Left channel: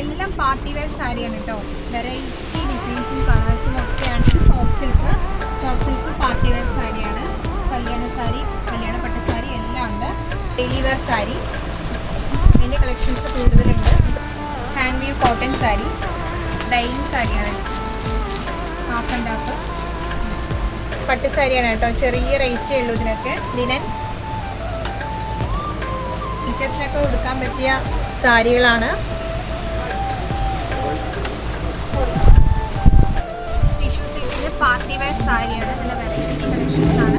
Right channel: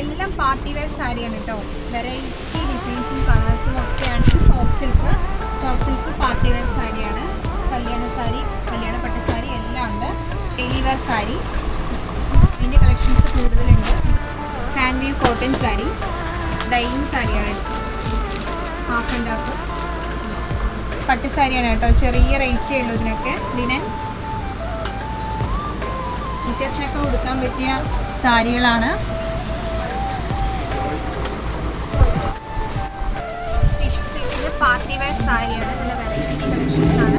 എല്ലാം party wear സാരിയാണ് കേട്ടോ. വെറൈറ്റി ഡിസൈൻസും കളേഴ്സും ഒക്കെയാണ്. ഇത് സോഫ്റ്റ് സിൽക്ക് പാർട്ടി വെയർ സാരിയാണ്. കല്യാണ സാരി, കല്യാണപ്പെട്ട സാരി എല്ലാം ഉണ്ട്. ഡെയിലി വെയർ സാരി, ഇതിൻ്റെ കളക്ഷൻസ് കൂടുതലുണ്ട്. Hand view cotton sari, dining സാരിയാണ്. ഹാഫ് ആൻഡ് ഹാഫ് പട്ട് സാരിയാണ് കേട്ടോ. ചെറിയ റേറ്റേ ഉള്ളൂ ഇതിനൊക്കെ. ലിനൻ ടീച്ചേഴ്സിനൊക്കെ കൊടുക്കാൻ പറ്റിയ സാരികളാണ്. ടിഷ്യൂ സിൽക്കിൻ്റെ പാർട്ടി വെയർ സാരിയാണ്. നല്ല വെറൈറ്റി കളക്ഷൻസ് ആണ്.